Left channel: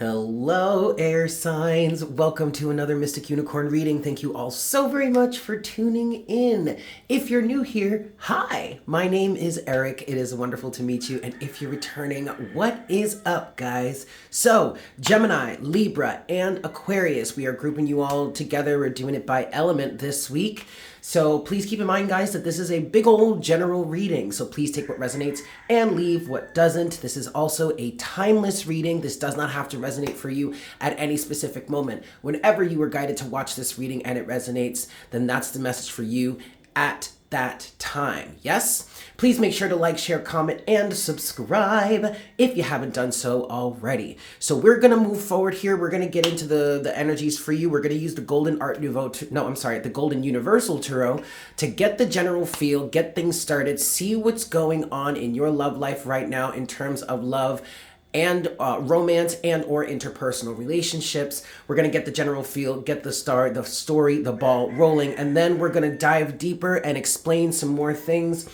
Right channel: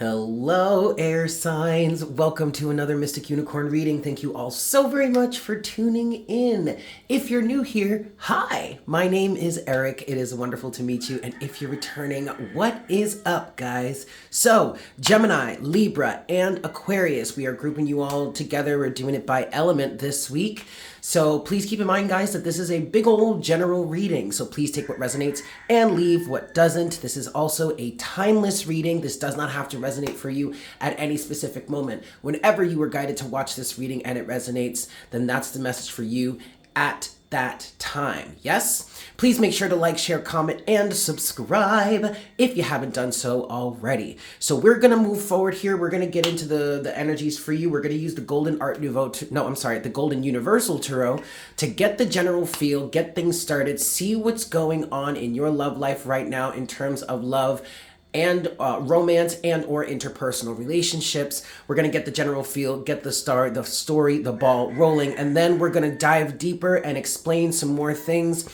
Hello, air signs. Welcome to another Mystic Unicorn reading. Thank you all so very much for tuning in. If you're new here, hi, my name is Eric. It is wonderful to meet you. And if you're returning, what is up, guys? So, Gemini, Libra, and Aquarius, we are grouping you all together. We're doing it by element this week. So please keep in mind, guys, that this is a big old general reading. So please take what resonates and leave what doesn't. This is also a timeless reading. This does not have to resonate for you at any specific moment. Whenever you were guided to watch this reading and it resonates, then that's the message for you at that time. Yes? Please make sure to like, share, comment, and subscribe if you haven't done so already. So we're going to move forward here. We're going to get into the energies for you. We're going to use the Golden Art Nouveau, the Golden Universal Tarot to get the general feel, get things started, see what's going on in your love life right now in terms of love and romance and or interpersonal relationships. We're going to get the general feel, get the story, the ball rolling, and then we're going to dive deeper and explain some more things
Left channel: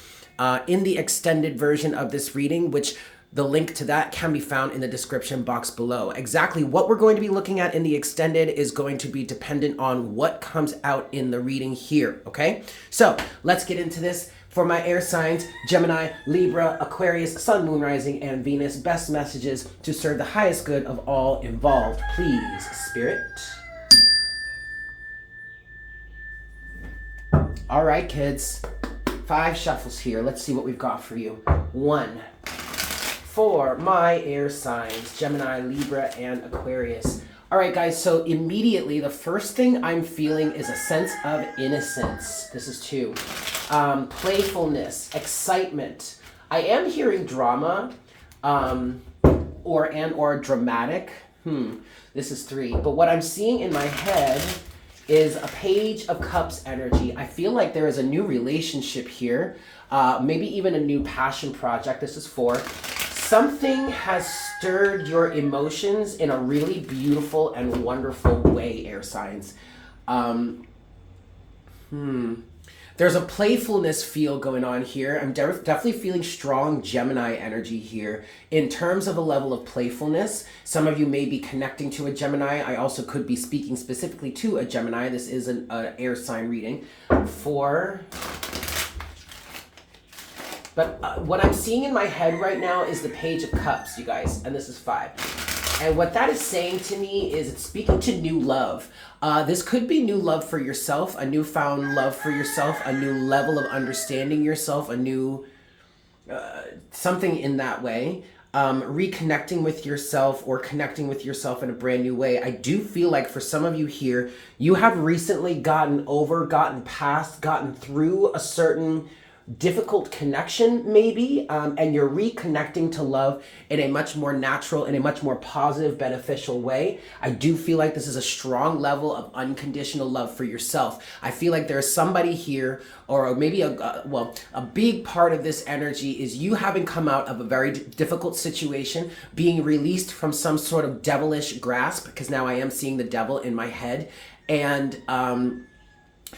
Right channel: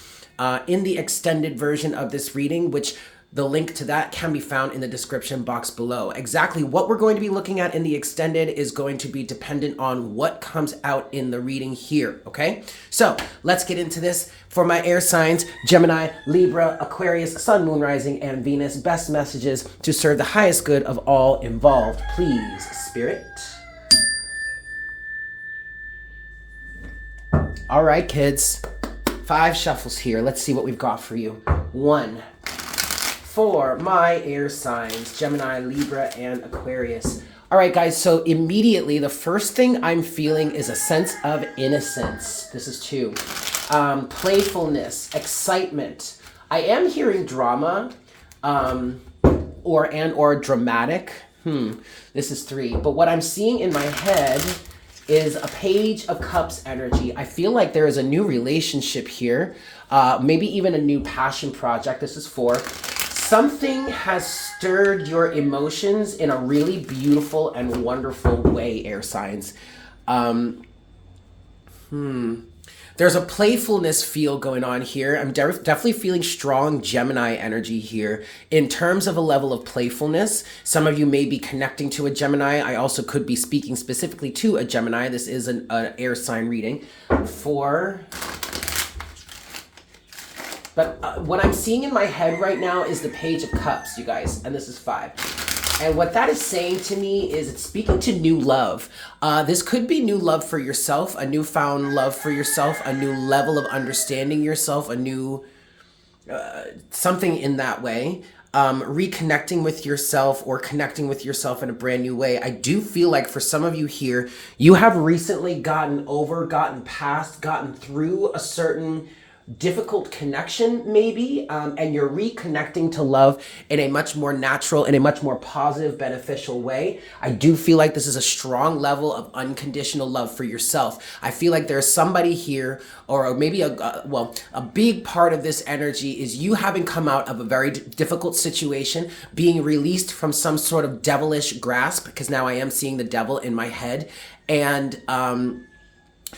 in the extended version of this reading, which the link to that can be found in the description box below. Exactly what we're going to be looking at in the extended is going to be dependent on what comes out in the reading here, okay? So let's get into this. For my air signs, Gemini, Libra, Aquarius, Sun, Moon, Rising, and Venus, best messages to serve the highest good of all involved. Please, Spirit. All right, kids. 5 shuffles here. Let's see what we've got for you. 1. For my air signs, Gemini, Libra, and Aquarius. All right, guys, so immediately the first thing I'm feeling is a sense of innocence. This is 2. Playfulness, excitement. I am hearing drama or dramatic. This is 3. But what I'm seeing in my head is a Page of Cups energy. I feel like there is a new relationship here, maybe even a new passion project. This is 4. Something has stirred your emotions in a really beautiful and wonderful way, air signs. There's a playfulness feel going on here. I'm definitely feeling strong Gemini energy here in terms of a level of playfulness. Some of you may be connecting to a Gemini. I also could be speaking specifically to a Gemini. This is an air sign reading. 4. But what I'm seeing in my head right now is the Page of Cups, you guys, and this is 5. And what that is saying to me is it's speaking to new love. This could be new love for yourself, a newfound love for yourself, a new level of understanding yourself, a new something in that way. Reconnecting with yourself or connecting with yourself in a brand new way. I do feel like for some of you here, you have recently gotten past, gotten through a certain difficult connection maybe, and you're reconnecting to love in a much more natural, in a much more positive, beneficial way. I do feel like this is a strong level of unconditional love for yourself. I feel like there's somebody here, or maybe a big part of this energy is you having come out of a very difficult situation, being released from some sort of devilish grasp, because now I am seeing the devil in my head, and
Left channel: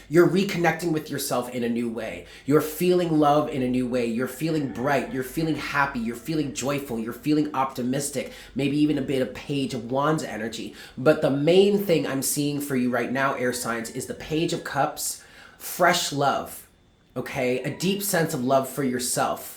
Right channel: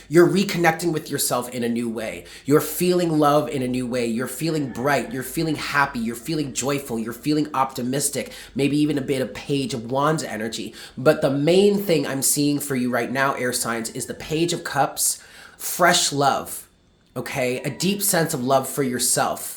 you're reconnecting with yourself in a new way. You're feeling love in a new way. You're feeling bright. You're feeling happy. You're feeling joyful. You're feeling optimistic. Maybe even a bit of Page of Wands energy. But the main thing I'm seeing for you right now, air signs, is the Page of Cups, fresh love, okay? A deep sense of love for yourself,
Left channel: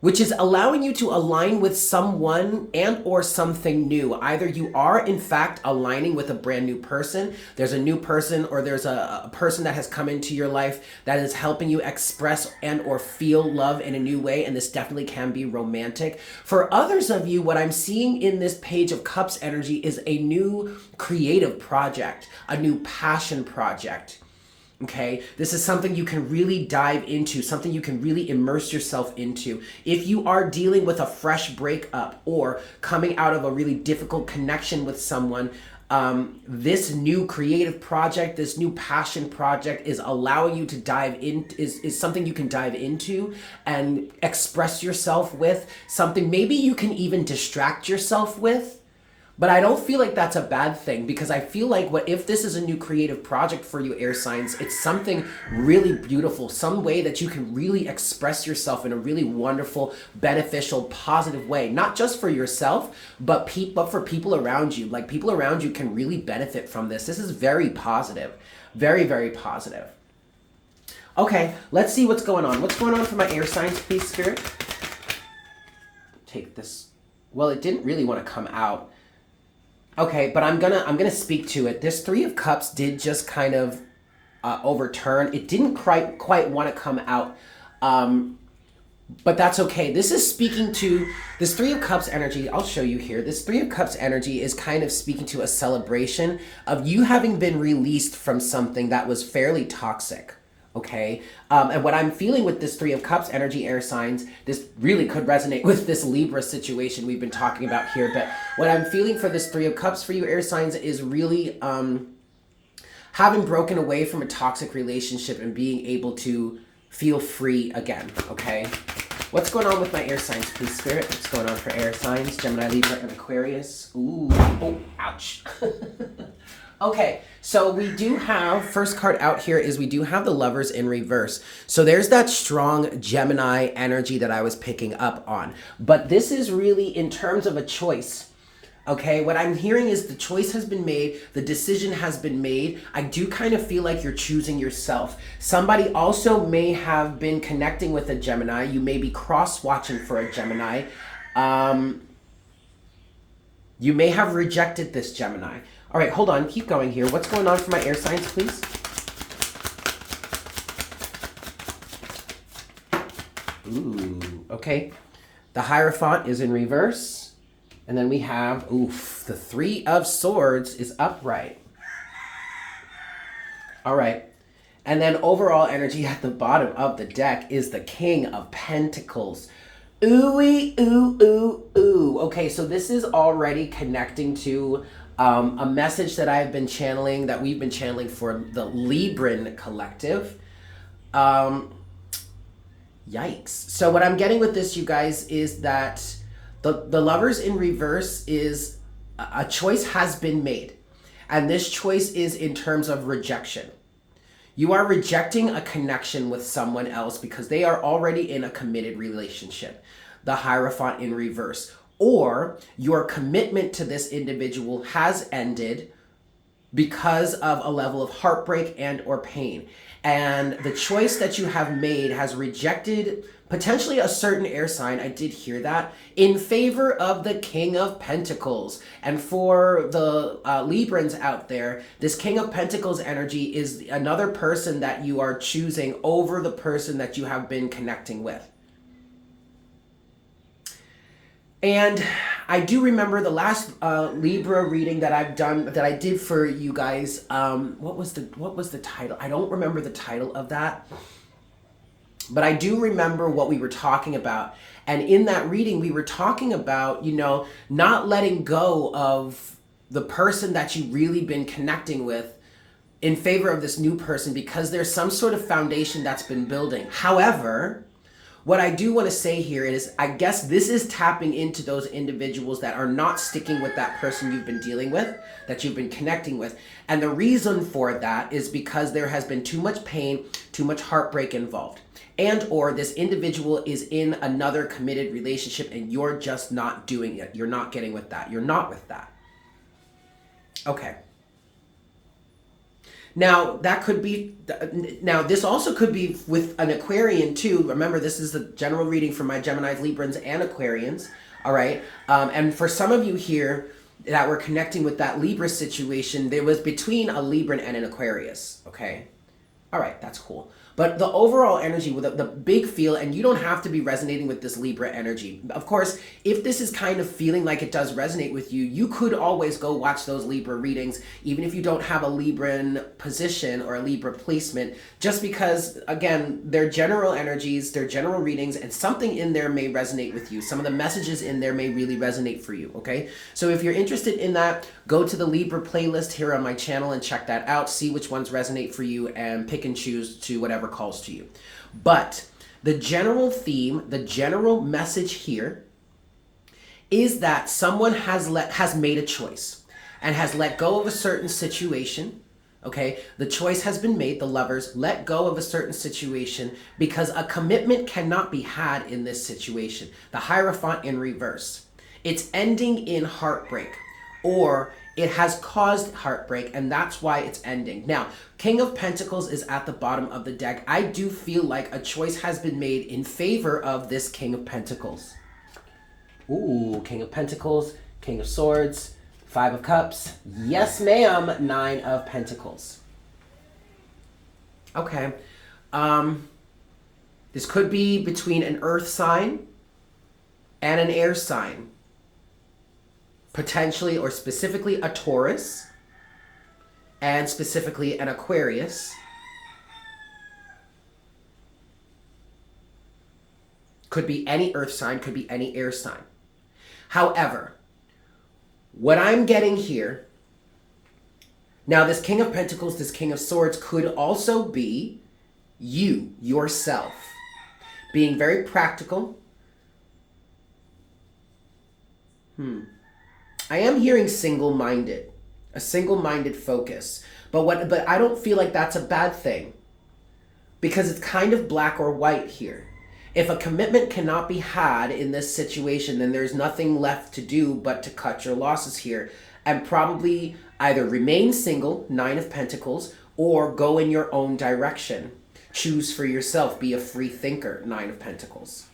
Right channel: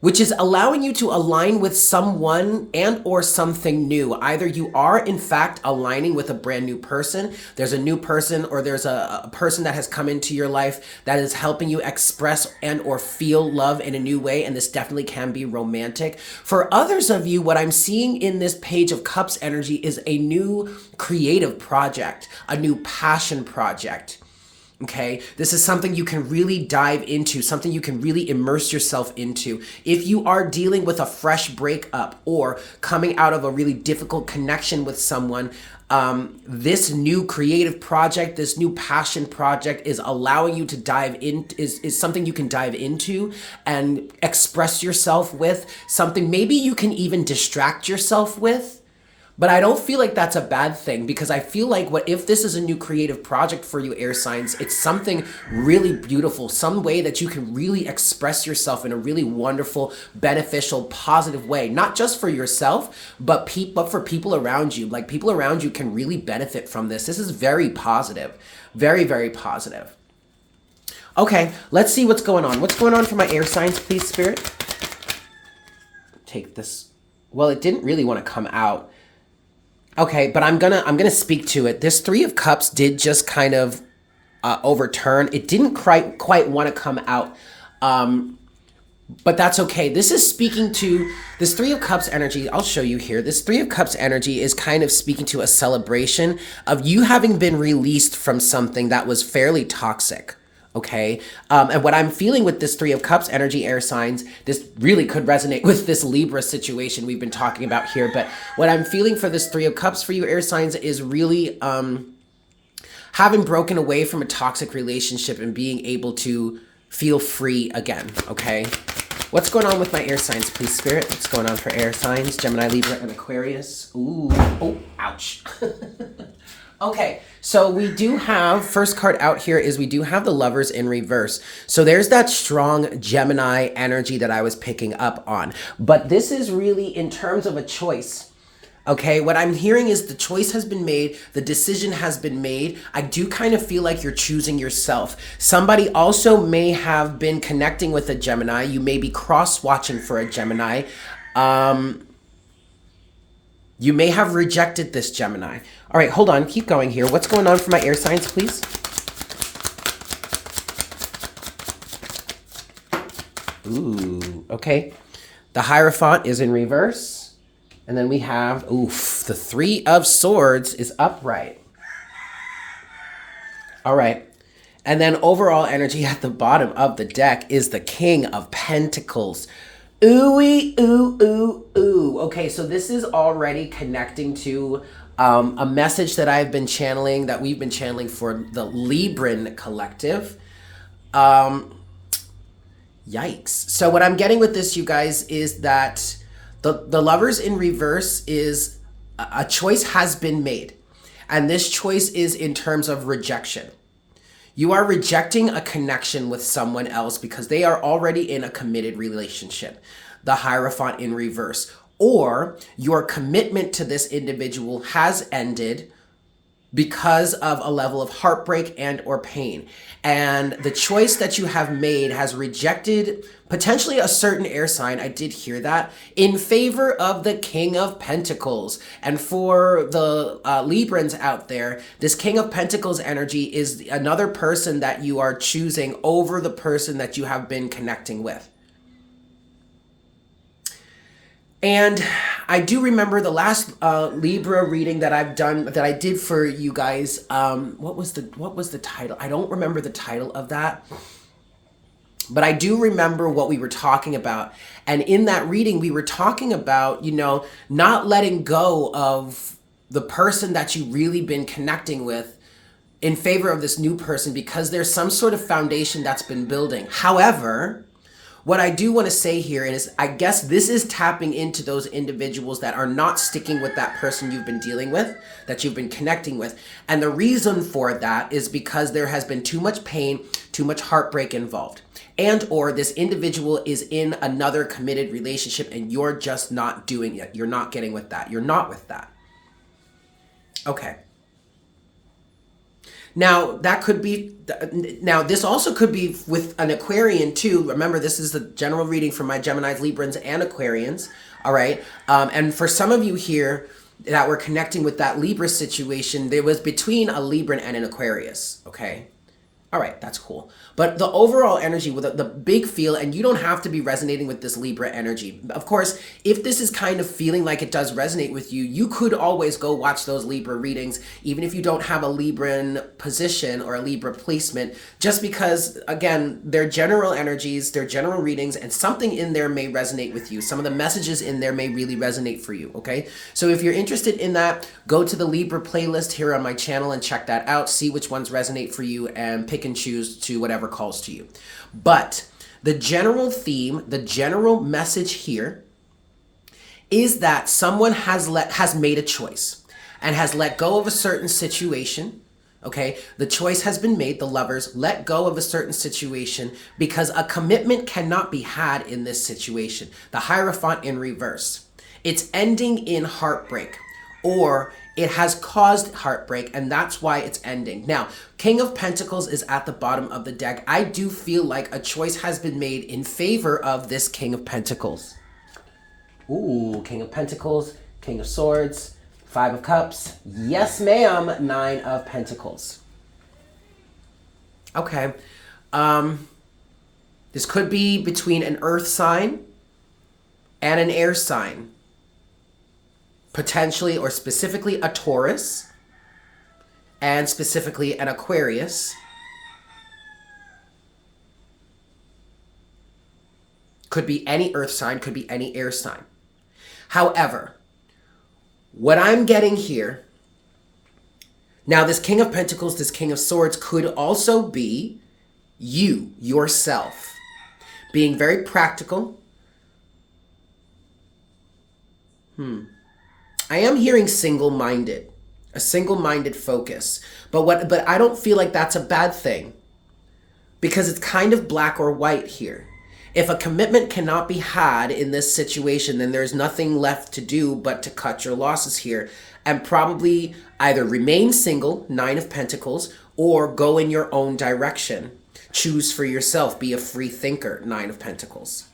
which is allowing you to align with someone and or something new. Either you are, in fact, aligning with a brand new person. There's a new person, or there's a person that has come into your life that is helping you express and or feel love in a new way, and this definitely can be romantic. For others of you, what I'm seeing in this Page of Cups energy is a new creative project, a new passion project. Okay, this is something you can really dive into, something you can really immerse yourself into. If you are dealing with a fresh breakup or coming out of a really difficult connection with someone, this new creative project, this new passion project is allowing you to dive in, is something you can dive into and express yourself with, something maybe you can even distract yourself with. But I don't feel like that's a bad thing, because I feel like what if this is a new creative project for you, air signs, it's something really beautiful, some way that you can really express yourself in a really wonderful, beneficial, positive way, not just for yourself, but for people around you. Like, people around you can really benefit from this. This is very positive, very, very positive. Okay, let's see what's going on. What's going on for my air signs, please, Spirit? Take this. Well, it didn't really want to come out. Okay, but I'm gonna speak to it. This Three of Cups did just kind of overturn. It didn't quite want to come out, but that's okay. This is speaking to this Three of Cups energy. I'll show you here. This Three of Cups energy is kind of speaking to a celebration of you having been released from something that was fairly toxic. Okay, and what I'm feeling with this Three of Cups energy, air signs, this really could resonate with this Libra situation we've been talking about here, but what I'm feeling for this Three of Cups for you, air signs, is really having broken away from a toxic relationship and being able to feel free again, okay? What's going on with my air signs, please, Spirit? What's going on for air signs? Gemini, Libra, and Aquarius. Ooh, oh, ouch. Okay, so we do have, first card out here is we do have the Lovers in reverse. So there's that strong Gemini energy that I was picking up on. But this is really in terms of a choice. Okay, what I'm hearing is the choice has been made, the decision has been made. I do kind of feel like you're choosing yourself. Somebody also may have been connecting with a Gemini. You may be cross-watching for a Gemini. You may have rejected this Gemini. All right, hold on, keep going here. What's going on for my air signs, please? Ooh, okay. The Hierophant is in reverse. And then we have, oof, the Three of Swords is upright. All right. And then overall energy at the bottom of the deck is the King of Pentacles. Ooh-wee, ooh, ooh, ooh. Okay, so this is already connecting to a message that I've been channeling, that we've been channeling for the Libran collective. Yikes. So what I'm getting with this, you guys, is that the Lovers in reverse is a choice has been made. And this choice is in terms of rejection. You are rejecting a connection with someone else because they are already in a committed relationship. The Hierophant in reverse. Or your commitment to this individual has ended because of a level of heartbreak and or pain. And the choice that you have made has rejected potentially a certain air sign, I did hear that, in favor of the King of Pentacles. And for the Librans out there, this King of Pentacles energy is another person that you are choosing over the person that you have been connecting with. And I do remember the last Libra reading that I've done, that I did for you guys. What was the title? I don't remember the title of that. But I do remember what we were talking about. And in that reading, we were talking about, you know, not letting go of the person that you've really been connecting with in favor of this new person because there's some sort of foundation that's been building. However, what I do want to say here is, I guess this is tapping into those individuals that are not sticking with that person you've been dealing with, that you've been connecting with. And the reason for that is because there has been too much pain, too much heartbreak involved. And or this individual is in another committed relationship and you're just not doing it. You're not getting with that. You're not with that. Okay. Now, that could be, now this also could be with an Aquarian too. Remember, this is the general reading for my Geminis, Librans, and Aquarians. All right. And for some of you here that were connecting with that Libra situation, there was between a Libran and an Aquarius. Okay. All right. That's cool. But the overall energy with the big feel, and you don't have to be resonating with this Libra energy. Of course, if this is kind of feeling like it does resonate with you, you could always go watch those Libra readings, even if you don't have a Libran position or a Libra placement, just because, again, they're general energies, they're general readings, and something in there may resonate with you. Some of the messages in there may really resonate for you, okay? So if you're interested in that, go to the Libra playlist here on my channel and check that out, see which ones resonate for you, and pick and choose to whatever calls to you. But the general theme, the general message here is that someone has made a choice and has let go of a certain situation. Okay, the choice has been made. The lovers let go of a certain situation because a commitment cannot be had in this situation. The Hierophant in reverse. It's ending in heartbreak, or it has caused heartbreak, and that's why it's ending. Now, King of Pentacles is at the bottom of the deck. I do feel like a choice has been made in favor of this King of Pentacles. Ooh, King of Pentacles, King of Swords, Five of Cups. Yes, ma'am. Nine of Pentacles. Okay. This could be between an earth sign and an air sign. Potentially or specifically a Taurus. And specifically an Aquarius. Could be any earth sign, could be any air sign. However, what I'm getting here, now this King of Pentacles, this King of Swords could also be you, yourself, being very practical. I am hearing single-minded, a single-minded focus. But I don't feel like that's a bad thing because it's kind of black or white here. If a commitment cannot be had in this situation, then there's nothing left to do but to cut your losses here and probably either remain single, Nine of Pentacles, or go in your own direction. Choose for yourself. Be a free thinker, Nine of Pentacles.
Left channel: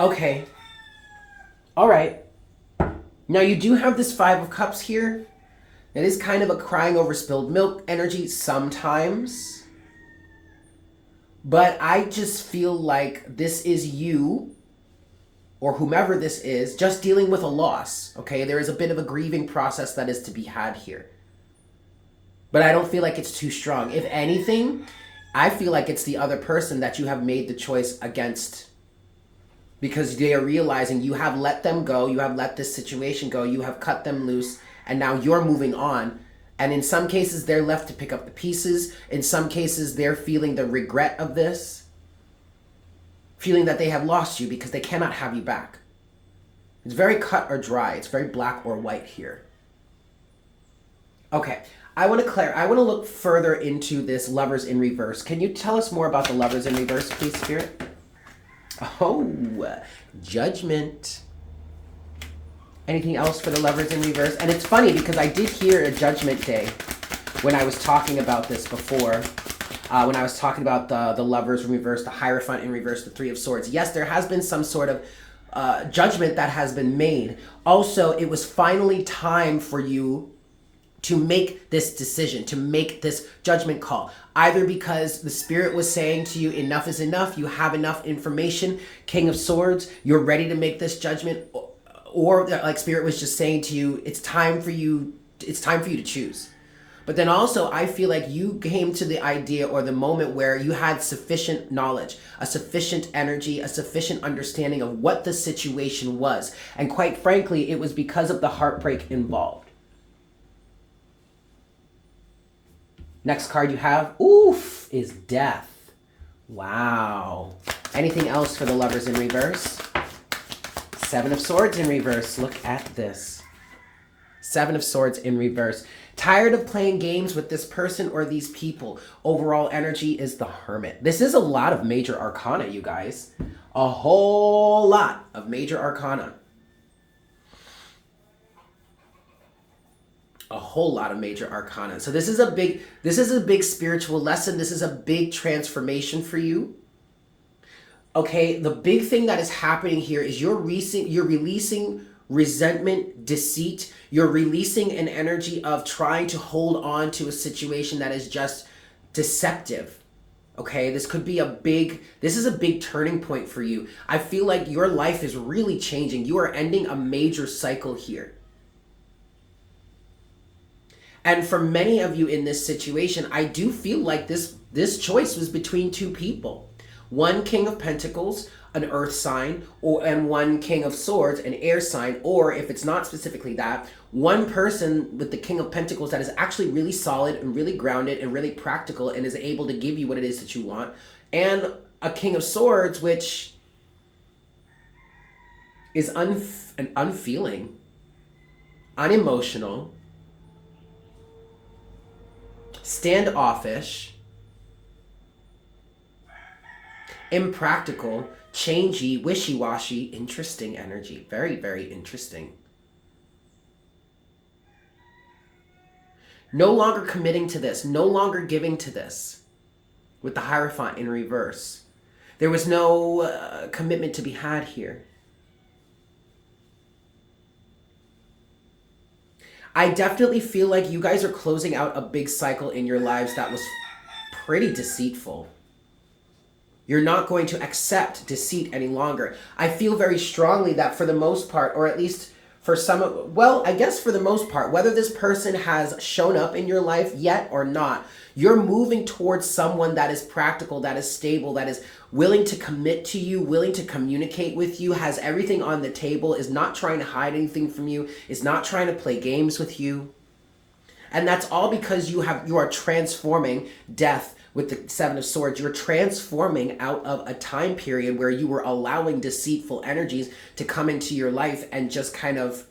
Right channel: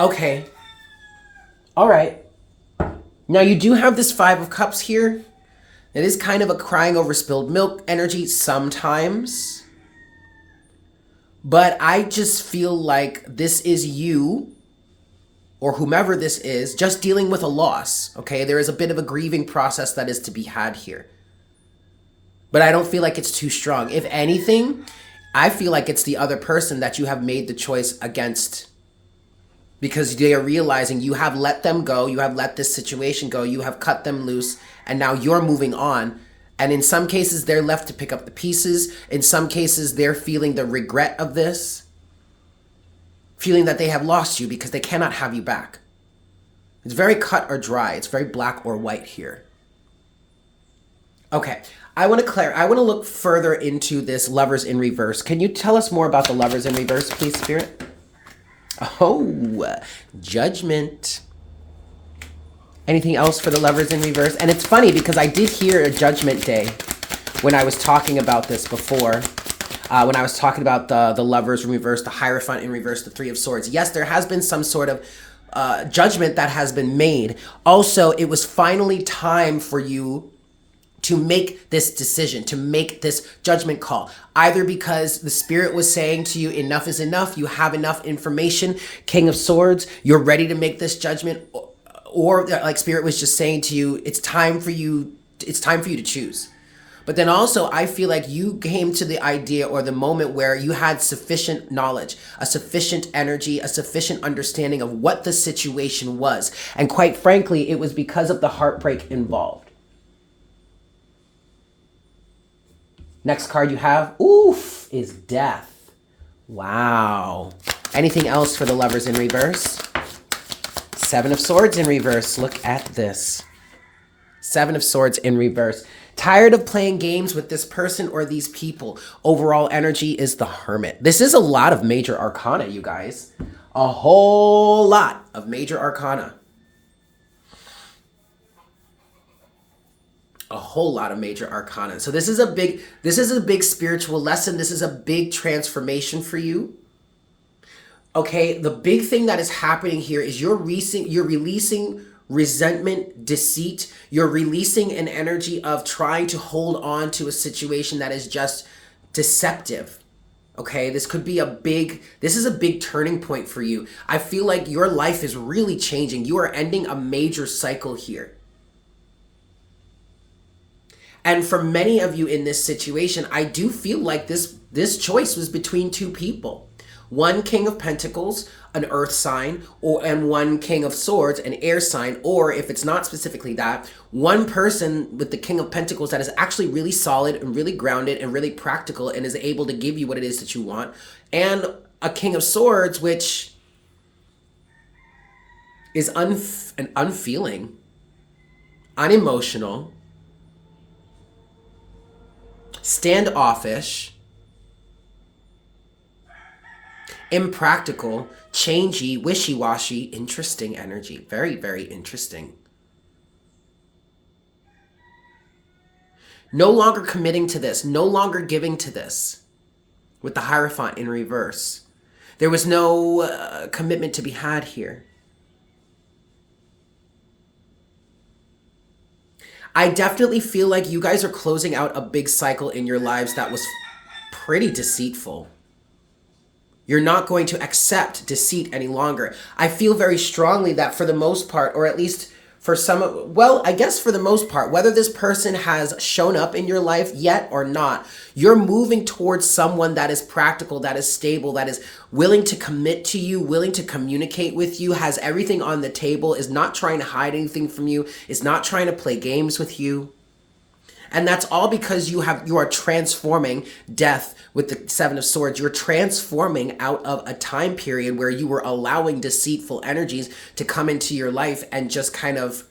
Okay. All right. Now you do have this Five of Cups here. It is kind of a crying over spilled milk energy sometimes. But I just feel like this is you, or whomever this is, just dealing with a loss. Okay, there is a bit of a grieving process that is to be had here. But I don't feel like it's too strong. If anything, I feel like it's the other person that you have made the choice against. Because they are realizing you have let them go, you have let this situation go, you have cut them loose, and now you're moving on. And in some cases, they're left to pick up the pieces. In some cases, they're feeling the regret of this. Feeling that they have lost you because they cannot have you back. It's very cut or dry. It's very black or white here. Okay, I want to look further into this Lovers in Reverse. Can you tell us more about the Lovers in Reverse, please, Spirit? Oh, Judgment. Anything else for the Lovers in Reverse? And it's funny because I did hear a Judgment Day when I was talking about this before. When I was talking about the Lovers in Reverse, the Hierophant in Reverse, the Three of Swords. Yes, there has been some sort of judgment that has been made. Also, it was finally time for you to make this decision, to make this judgment call. Either because the Spirit was saying to you, enough is enough, you have enough information, King of Swords, you're ready to make this judgment, or like Spirit was just saying to you, it's time for you to choose. But then also, I feel like you came to the idea or the moment where you had sufficient knowledge, a sufficient energy, a sufficient understanding of what the situation was. And quite frankly, it was because of the heartbreak involved. Next card you have, oof, is Death. Wow. Anything else for the Lovers in Reverse? Seven of Swords in Reverse. Look at this. Seven of Swords in Reverse. Tired of playing games with this person or these people. Overall energy is the Hermit. This is a lot of major arcana, you guys. A whole lot of major arcana. A whole lot of major arcana. So this is a big spiritual lesson. This is a big transformation for you. Okay, the big thing that is happening here is you're releasing resentment, deceit. You're releasing an energy of trying to hold on to a situation that is just deceptive. Okay, this is a big turning point for you. I feel like your life is really changing. You are ending a major cycle here. And for many of you in this situation, I do feel like this choice was between two people. One King of Pentacles, an earth sign, and one King of Swords, an air sign, or if it's not specifically that, one person with the King of Pentacles that is actually really solid and really grounded and really practical and is able to give you what it is that you want, and a King of Swords, which is unfeeling, unemotional, standoffish, impractical, changey, wishy-washy, interesting energy. Very, very interesting. No longer committing to this, no longer giving to this, with the Hierophant in reverse. There was no commitment to be had here. I definitely feel like you guys are closing out a big cycle in your lives that was pretty deceitful. You're not going to accept deceit any longer. I feel very strongly that for the most part, or at least for some, well, I guess for the most part, whether this person has shown up in your life yet or not, you're moving towards someone that is practical, that is stable, that is willing to commit to you, willing to communicate with you, has everything on the table, is not trying to hide anything from you, is not trying to play games with you. And that's all because you are transforming death with the Seven of Swords. You're transforming out of a time period where you were allowing deceitful energies to come into your life and just kind of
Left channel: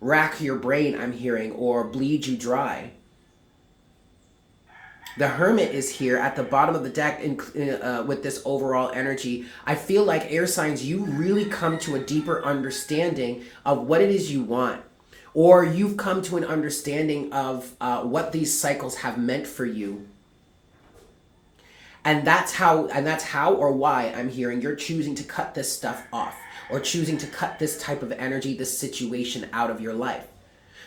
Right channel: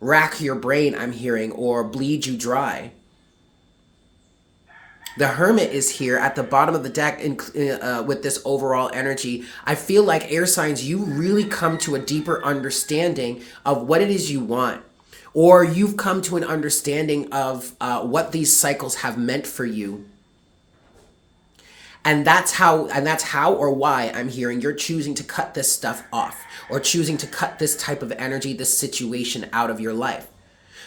rack your brain, I'm hearing, or bleed you dry. The Hermit is here at the bottom of the deck with this overall energy. I feel like air signs, you really come to a deeper understanding of what it is you want. Or you've come to an understanding of what these cycles have meant for you. And that's how or why I'm hearing you're choosing to cut this stuff off, or choosing to cut this type of energy, this situation out of your life.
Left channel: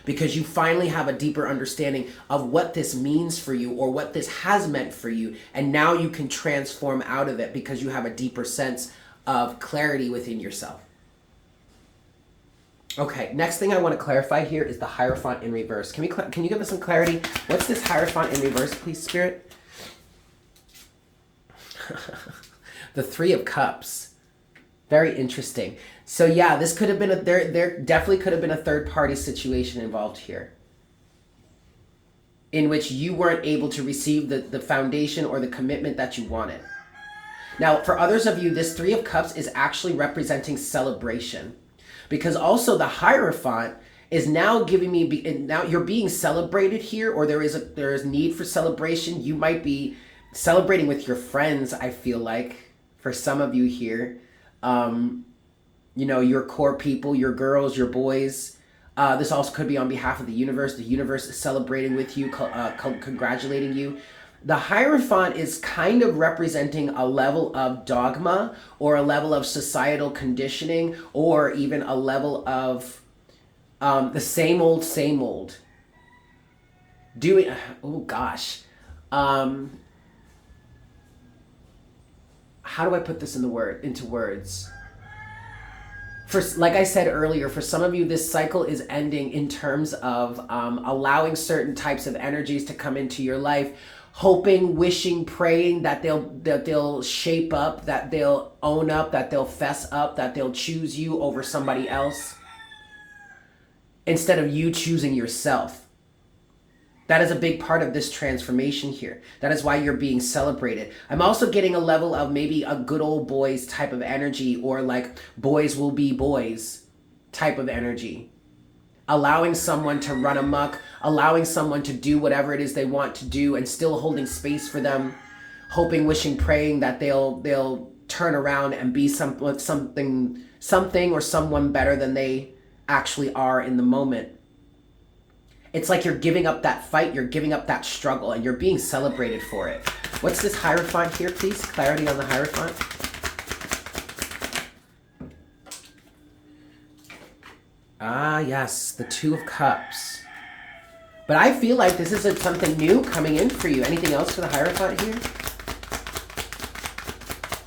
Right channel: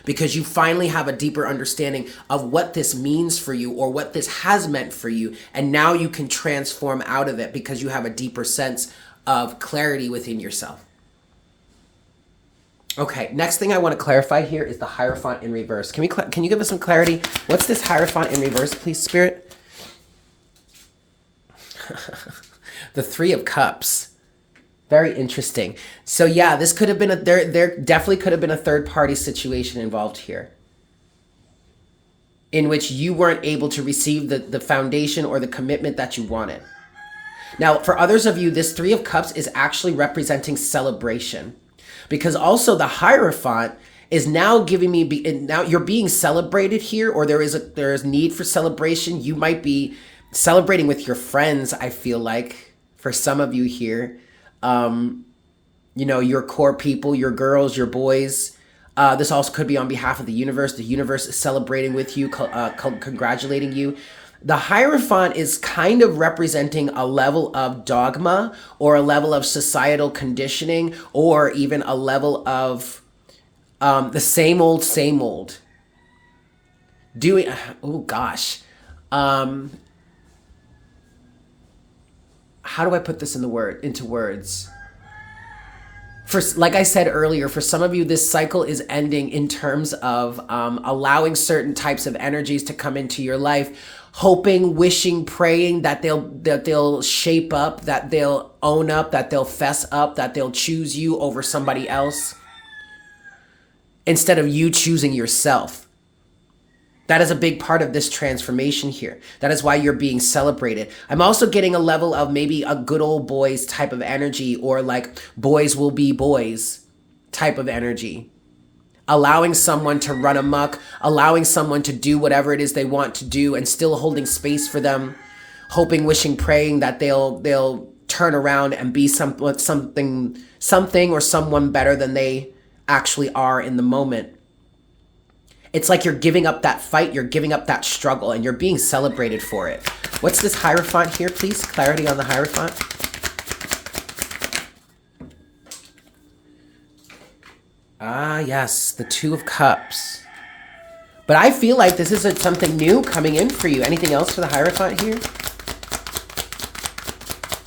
Because you finally have a deeper understanding of what this means for you, or what this has meant for you. And now you can transform out of it because you have a deeper sense of clarity within yourself. Okay, next thing I want to clarify here is the Hierophant in reverse. Can you give us some clarity? What's this Hierophant in reverse, please, Spirit? The Three of Cups. Very interesting. So yeah, this could have been there definitely could have been a third party situation involved here, in which you weren't able to receive the foundation or the commitment that you wanted. Now, for others of you, this Three of Cups is actually representing celebration. Because also the Hierophant is now giving me, now you're being celebrated here, or there is need for celebration. You might be celebrating with your friends, I feel like, for some of you here. You know, your core people, your girls, your boys. This also could be on behalf of the universe. The universe is celebrating with you, congratulating you. The Hierophant is kind of representing a level of dogma, or a level of societal conditioning, or even a level of the same old. Doing, oh gosh. How do I put this into words? Like I said earlier, for some of you, this cycle is ending in terms of allowing certain types of energies to come into your life, hoping, wishing, praying that they'll shape up, that they'll own up, that they'll fess up, that they'll choose you over somebody else, instead of you choosing yourself. That is a big part of this transformation here. That is why you're being celebrated. I'm also getting a level of maybe a good old boys type of energy, or like boys will be boys type of energy. Allowing someone to run amok, allowing someone to do whatever it is they want to do, and still holding space for them, hoping, wishing, praying that they'll turn around and be something or someone better than they actually are in the moment. It's like you're giving up that fight, you're giving up that struggle, and you're being celebrated for it. What's this Hierophant here, please? Clarity on the Hierophant. Ah, yes, the Two of Cups. But I feel like this is something new coming in for you. Anything else for the Hierophant here?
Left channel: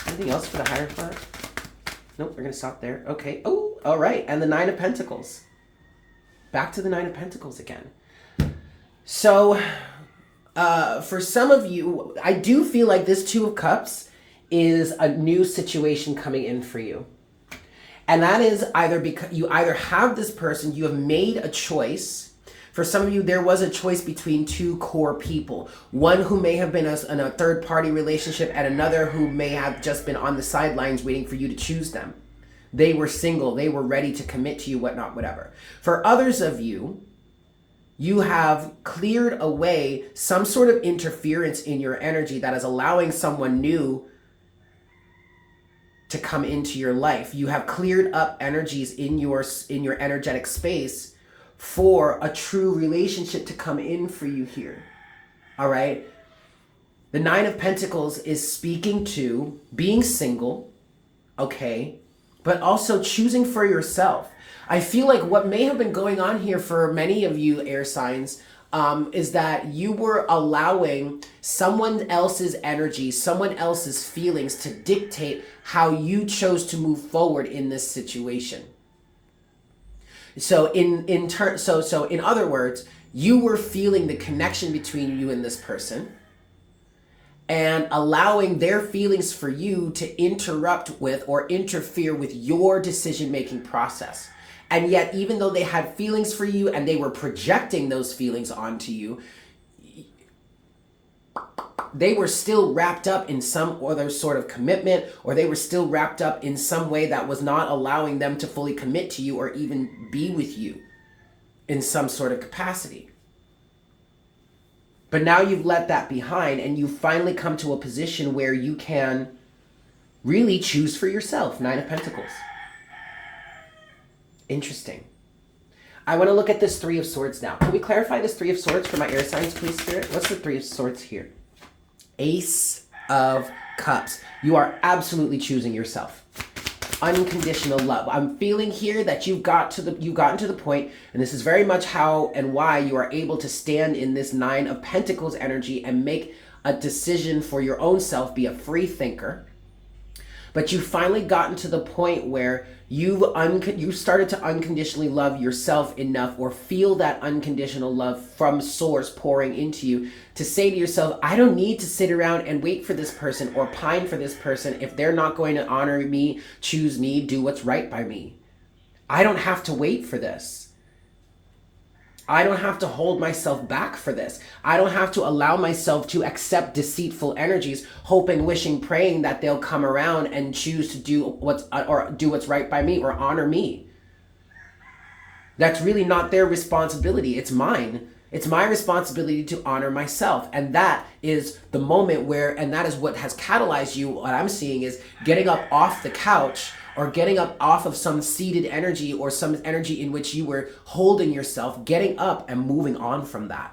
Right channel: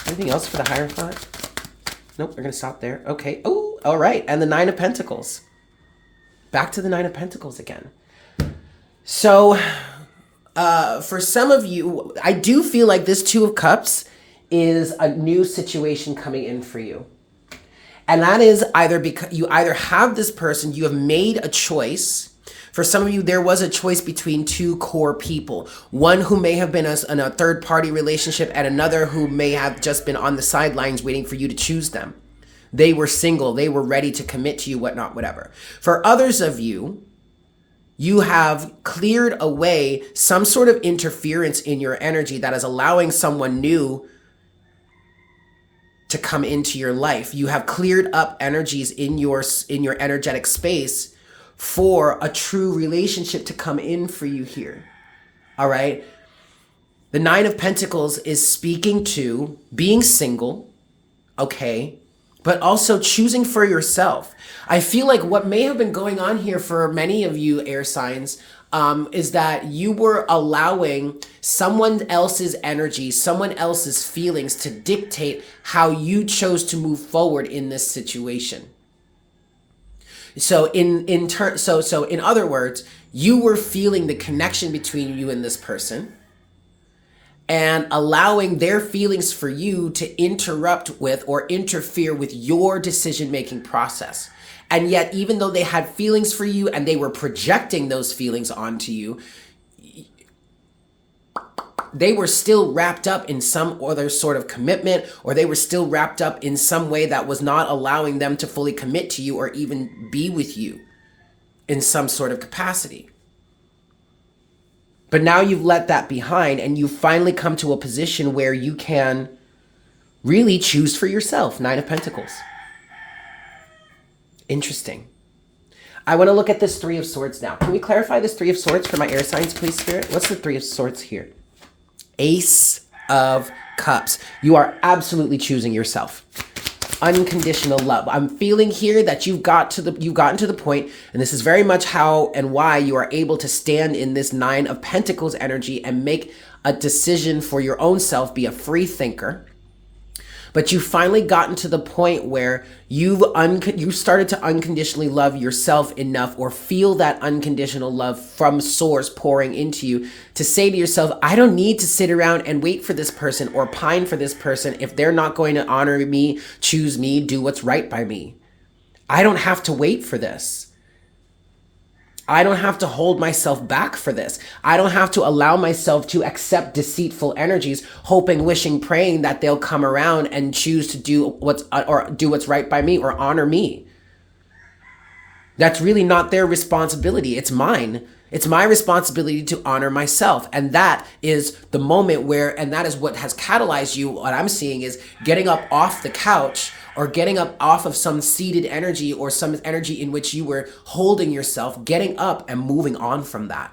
Anything else for the Hierophant? Nope, we're going to stop there. Okay. Oh, all right. And the Nine of Pentacles. Back to the Nine of Pentacles again. So, for some of you, I do feel like this Two of Cups is a new situation coming in for you. And that is either because you either have this person, you have made a choice. For some of you, there was a choice between two core people. One who may have been in a third-party relationship and another who may have just been on the sidelines waiting for you to choose them. They were single. They were ready to commit to you, whatnot, whatever. For others of you, you have cleared away some sort of interference in your energy that is allowing someone new to come into your life. You have cleared up energies in your energetic space for a true relationship to come in for you here. All right. The Nine of Pentacles is speaking to being single, okay, but also choosing for yourself. I feel like what may have been going on here for many of you air signs is that you were allowing someone else's energy, someone else's feelings to dictate how you chose to move forward in this situation. So in other words, you were feeling the connection between you and this person and allowing their feelings for you to interrupt with or interfere with your decision-making process. And yet, even though they had feelings for you and they were projecting those feelings onto you, they were still wrapped up in some other sort of commitment, or they were still wrapped up in some way that was not allowing them to fully commit to you or even be with you in some sort of capacity. But now you've let that behind and you've finally come to a position where you can really choose for yourself. Nine of Pentacles. Interesting. I want to look at this Three of Swords now. Can we clarify this Three of Swords for my air signs, please, Spirit? What's the Three of Swords here? Ace of Cups. You are absolutely choosing yourself. Unconditional love. I'm feeling here that you've gotten to the point, and this is very much how and why you are able to stand in this Nine of Pentacles energy and make a decision for your own self, be a free thinker. But you've finally gotten to the point where you started to unconditionally love yourself enough, or feel that unconditional love from source pouring into you, to say to yourself, I don't need to sit around and wait for this person or pine for this person if they're not going to honor me, choose me, do what's right by me. I don't have to wait for this. I don't have to hold myself back for this. I don't have to allow myself to accept deceitful energies, hoping, wishing, praying that they'll come around and choose to do what's right by me or honor me. That's really not their responsibility. It's mine. It's my responsibility to honor myself. And that is the moment where, and that is what has catalyzed you. What I'm seeing is getting up off the couch, or getting up off of some seated energy or some energy in which you were holding yourself, getting up and moving on from that.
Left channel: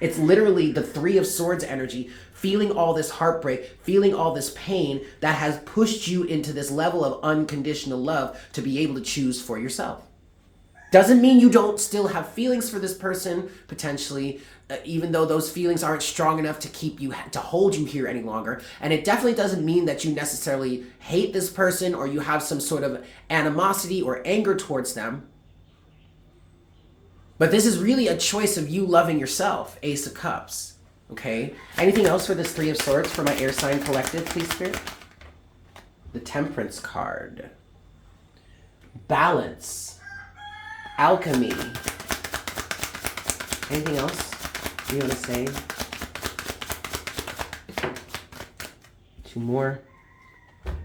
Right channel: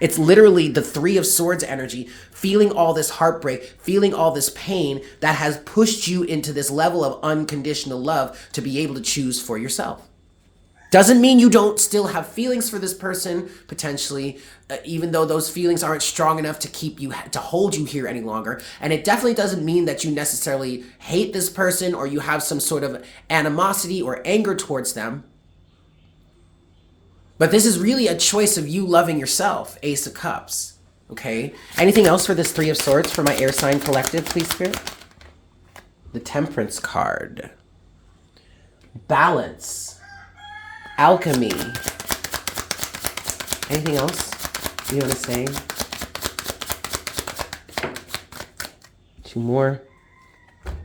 It's literally the Three of Swords energy, feeling all this heartbreak, feeling all this pain that has pushed you into this level of unconditional love to be able to choose for yourself. Doesn't mean you don't still have feelings for this person, potentially, even though those feelings aren't strong enough to hold you here any longer. And it definitely doesn't mean that you necessarily hate this person or you have some sort of animosity or anger towards them. But this is really a choice of you loving yourself. Ace of Cups. Okay. Anything else for this Three of Swords for my air sign collective, please, Spirit? The Temperance card. Balance. Alchemy. Anything else you want to say? Two more.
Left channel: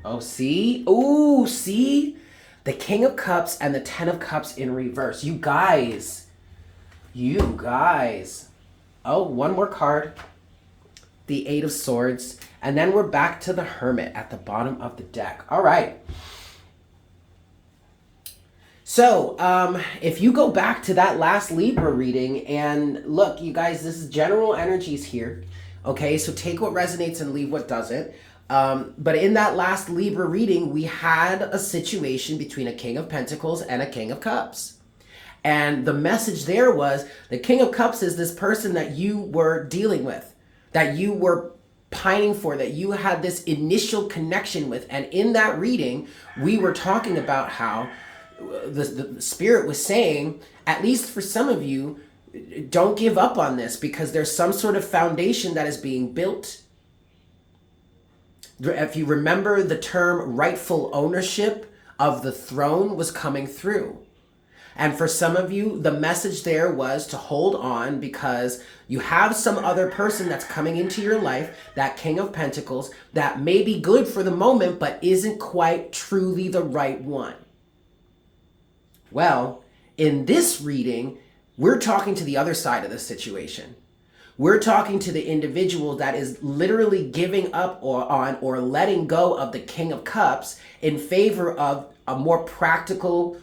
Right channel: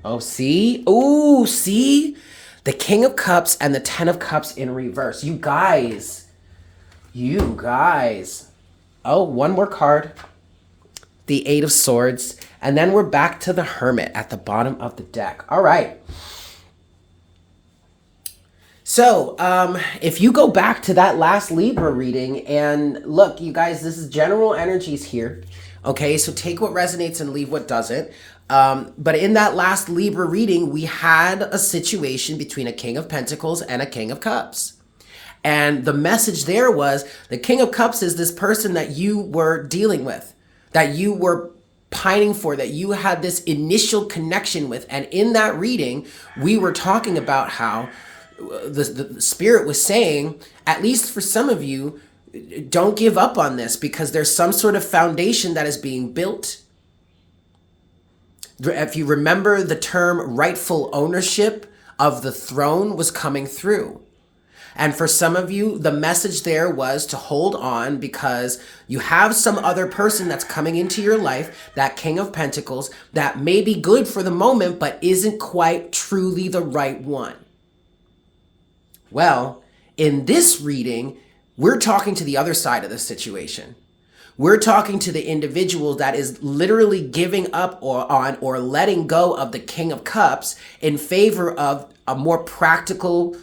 Oh, see? Oh, see? The King of Cups and the Ten of Cups in reverse. You guys. Oh, one more card. The Eight of Swords. And then we're back to the Hermit at the bottom of the deck. All right. So, if you go back to that last Libra reading, and look, you guys, this is general energies here. Okay, so take what resonates and leave what doesn't. But in that last Libra reading, we had a situation between a King of Pentacles and a King of Cups. And the message there was the King of Cups is this person that you were dealing with, that you were pining for, that you had this initial connection with. And in that reading, we were talking about how the Spirit was saying, at least for some of you, don't give up on this, because there's some sort of foundation that is being built. If you remember, the term rightful ownership of the throne was coming through. And for some of you, the message there was to hold on because you have some other person that's coming into your life, that King of Pentacles, that may be good for the moment, but isn't quite truly the right one. Well, in this reading, we're talking to the other side of the situation. We're talking to the individual that is literally giving up or letting go of the King of Cups in favor of a more practical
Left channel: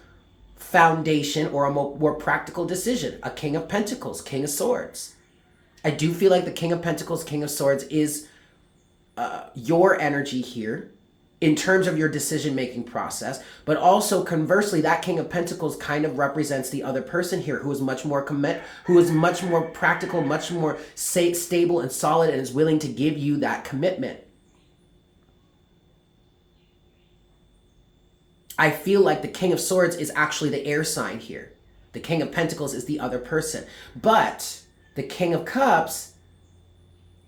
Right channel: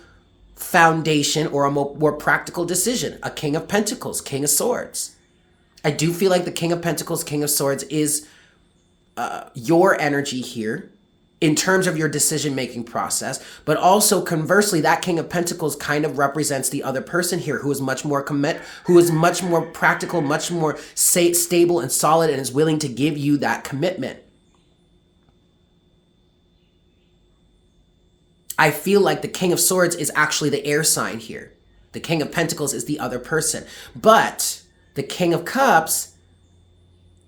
foundation or a more practical decision. A King of Pentacles, King of Swords. I do feel like the King of Pentacles, King of Swords is your energy here in terms of your decision-making process, but also conversely, that King of Pentacles kind of represents the other person here who is much more who is much more practical, much more stable and solid, and is willing to give you that commitment. I feel like the King of Swords is actually the air sign here. The King of Pentacles is the other person. But the King of Cups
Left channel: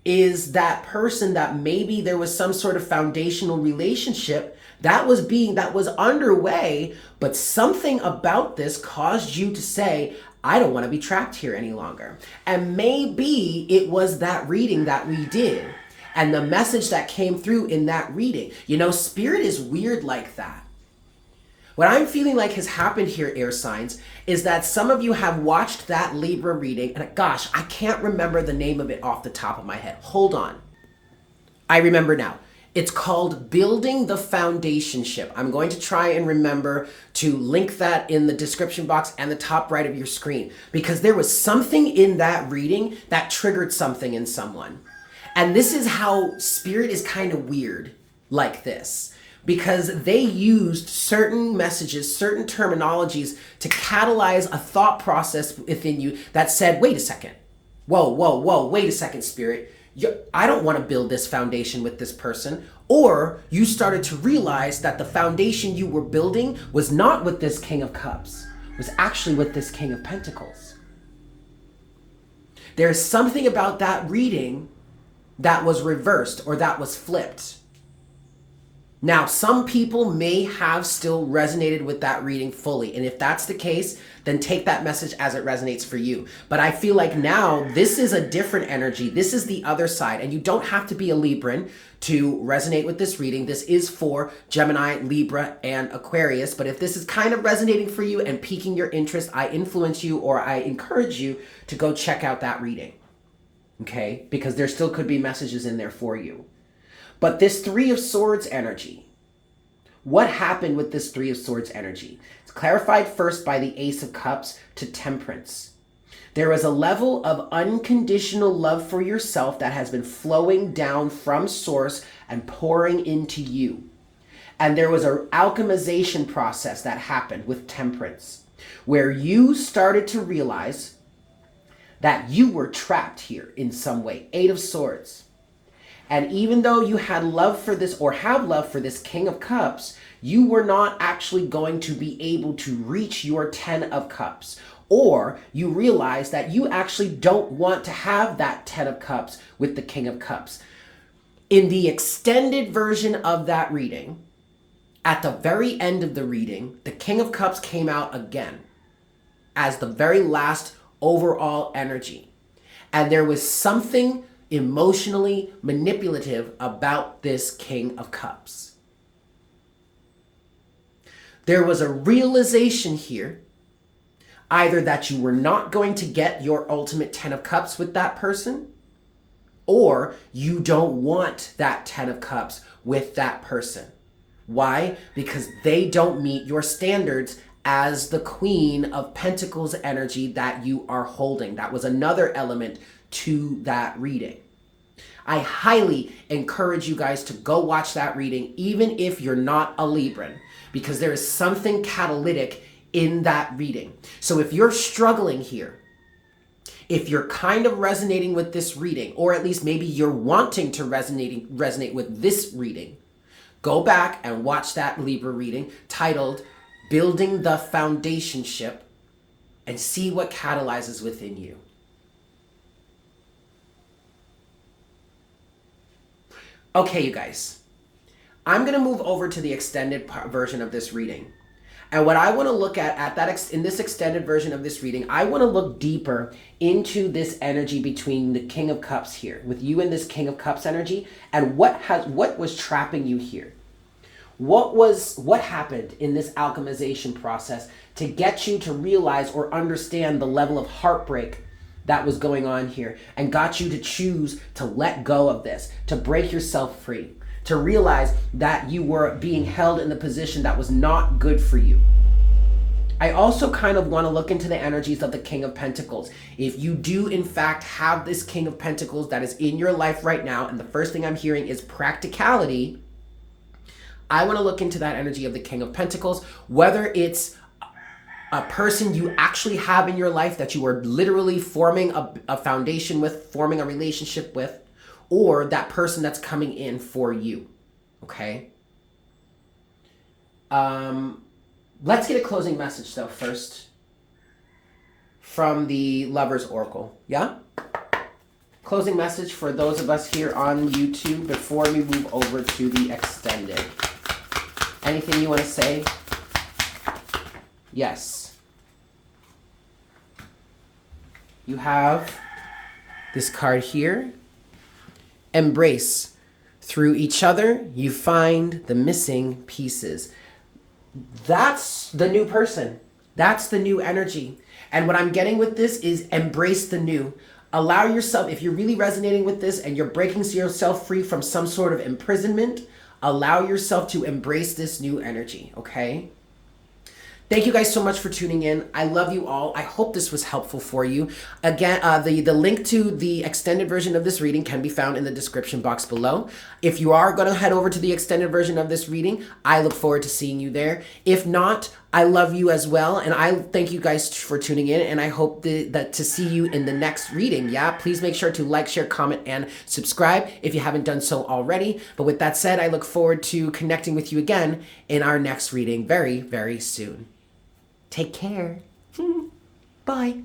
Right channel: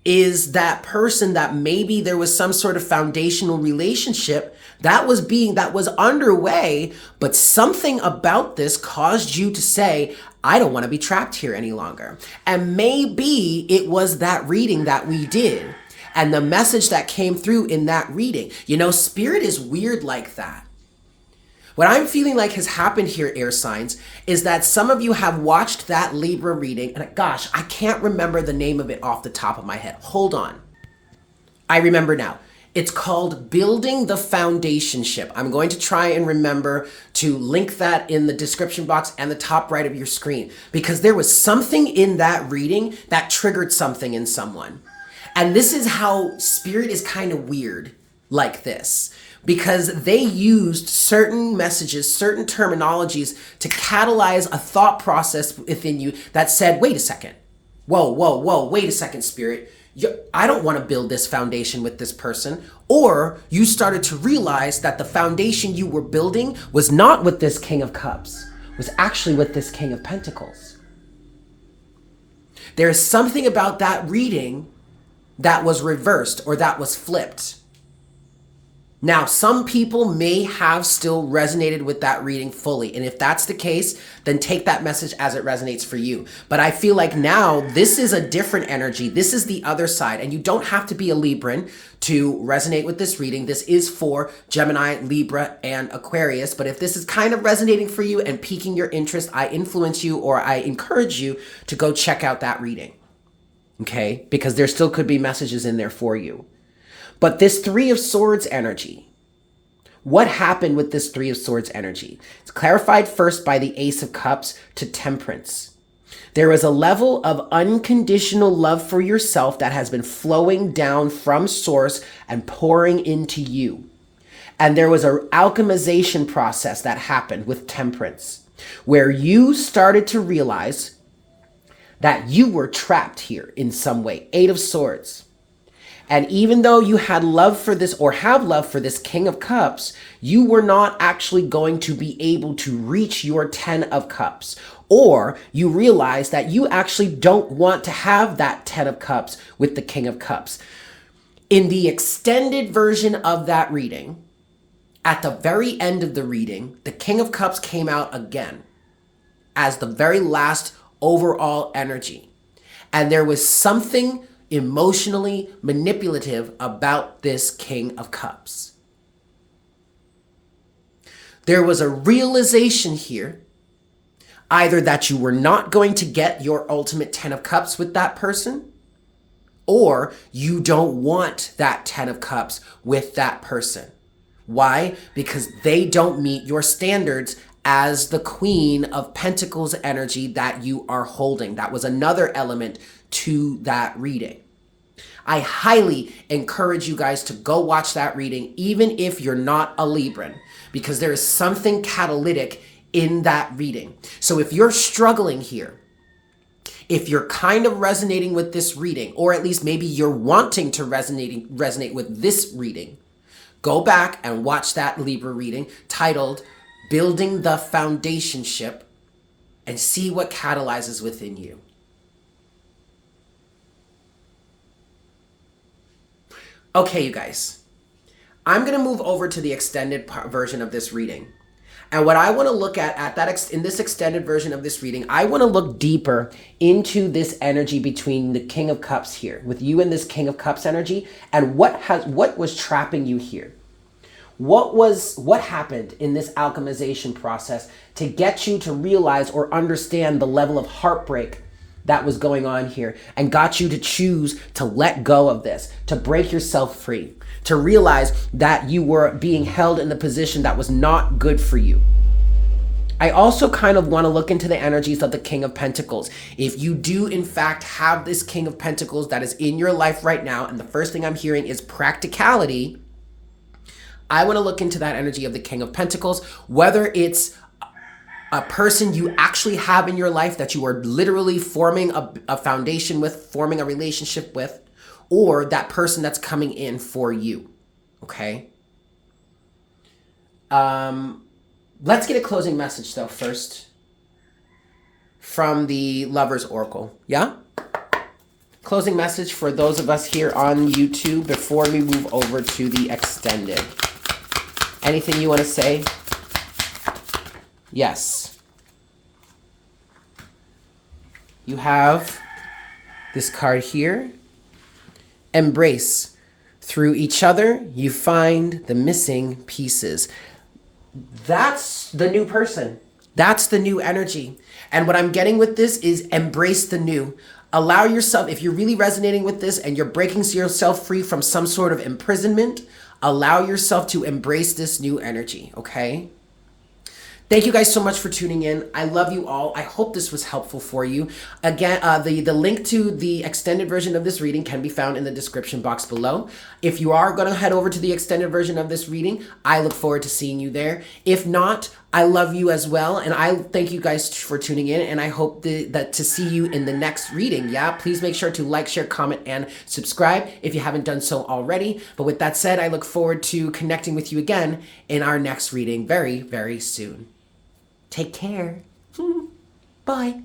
is that person that maybe there was some sort of foundational relationship that was underway, but something about this caused you to say, I don't want to be trapped here any longer. And maybe it was that reading that we did and the message that came through in that reading. You know, spirit is weird like that. What I'm feeling like has happened here, air signs, is that some of you have watched that Libra reading, and gosh, I can't remember the name of it off the top of my head. Hold on. I remember now. It's called Building the Foundation Ship. I'm going to try and remember to link that in the description box and the top right of your screen, because there was something in that reading that triggered something in someone. And this is how spirit is kind of weird like this. Because they used certain messages, certain terminologies to catalyze a thought process within you that said, wait a second. Whoa, wait a second, spirit. I don't want to build this foundation with this person. Or you started to realize that the foundation you were building was not with this King of Cups, was actually with this King of Pentacles. There's something about that reading that was reversed or that was flipped. Now, some people may have still resonated with that reading fully. And if that's the case, then take that message as it resonates for you. But I feel like now this is a different energy. This is the other side. And you don't have to be a Libran to resonate with this reading. This is for Gemini, Libra, and Aquarius. But if this is kind of resonating for you and piquing your interest, I influence you or I encourage you to go check out that reading. Okay? Because there still could be messages in there for you. But this Three of Swords energy, what happened with this Three of Swords energy? It's clarified first by the Ace of Cups to Temperance. There is a level of unconditional love for yourself that has been flowing down from source and pouring into you. And there was an alchemization process that happened with Temperance, where you started to realize that you were trapped here in some way. Eight of Swords. And even though you had love for this or have love for this King of Cups, you were not actually going to be able to reach your 10 of Cups. Or you realize that you actually don't want to have that 10 of Cups with the King of Cups. In the extended version of that reading, at the very end of the reading, the King of Cups came out again as the very last overall energy. And there was something emotionally manipulative about this King of Cups. There was a realization here, either that you were not going to get your ultimate 10 of Cups with that person, or you don't want that 10 of Cups with that person. Why? Because they don't meet your standards as the Queen of Pentacles energy that you are holding. That was another element to that reading. I highly encourage you guys to go watch that reading, even if you're not a Libran, because there is something catalytic in that reading. So if you're struggling here, if you're kind of resonating with this reading, or at least maybe you're wanting to resonate with this reading, go back and watch that Libra reading titled Building the Foundation Ship and see what catalyzes within you. Okay, you guys, I'm going to move over to the extended version of this reading. And what I want to look at that in this extended version of this reading, I want to look deeper into this energy between the King of Cups here, with you and this King of Cups energy, and what was trapping you here. What happened in this alchemization process to get you to realize or understand the level of heartbreak that was going on here, and got you to choose to let go of this, to break yourself free, to realize that you were being held in the position that was not good for you. I also kind of want to look into the energies of the King of Pentacles. If you do in fact have this King of Pentacles that is in your life right now, and the first thing I'm hearing is practicality, I want to look into that energy of the King of Pentacles, whether it's a person you actually have in your life that you are literally forming a foundation with, forming a relationship with, or that person that's coming in for you, okay? Let's get a closing message though first from the Lover's Oracle, yeah? Closing message for those of us here on YouTube before we move over to the extended. Anything you want to say? Yes. You have this card here. Embrace. Through each other, you find the missing pieces. That's the new person. That's the new energy. And what I'm getting with this is embrace the new. Allow yourself, if you're really resonating with this and you're breaking yourself free from some sort of imprisonment, allow yourself to embrace this new energy, okay? Thank you guys so much for tuning in. I love you all. I hope this was helpful for you. Again, the link to the extended version of this reading can be found in the description box below. If you are going to head over to the extended version of this reading, I look forward to seeing you there. If not, I love you as well. And I thank you guys for tuning in. And I hope that to see you in the next reading. Yeah, please make sure to like, share, comment, and subscribe if you haven't done so already. But with that said, I look forward to connecting with you again in our next reading very, very soon. Take care. Bye.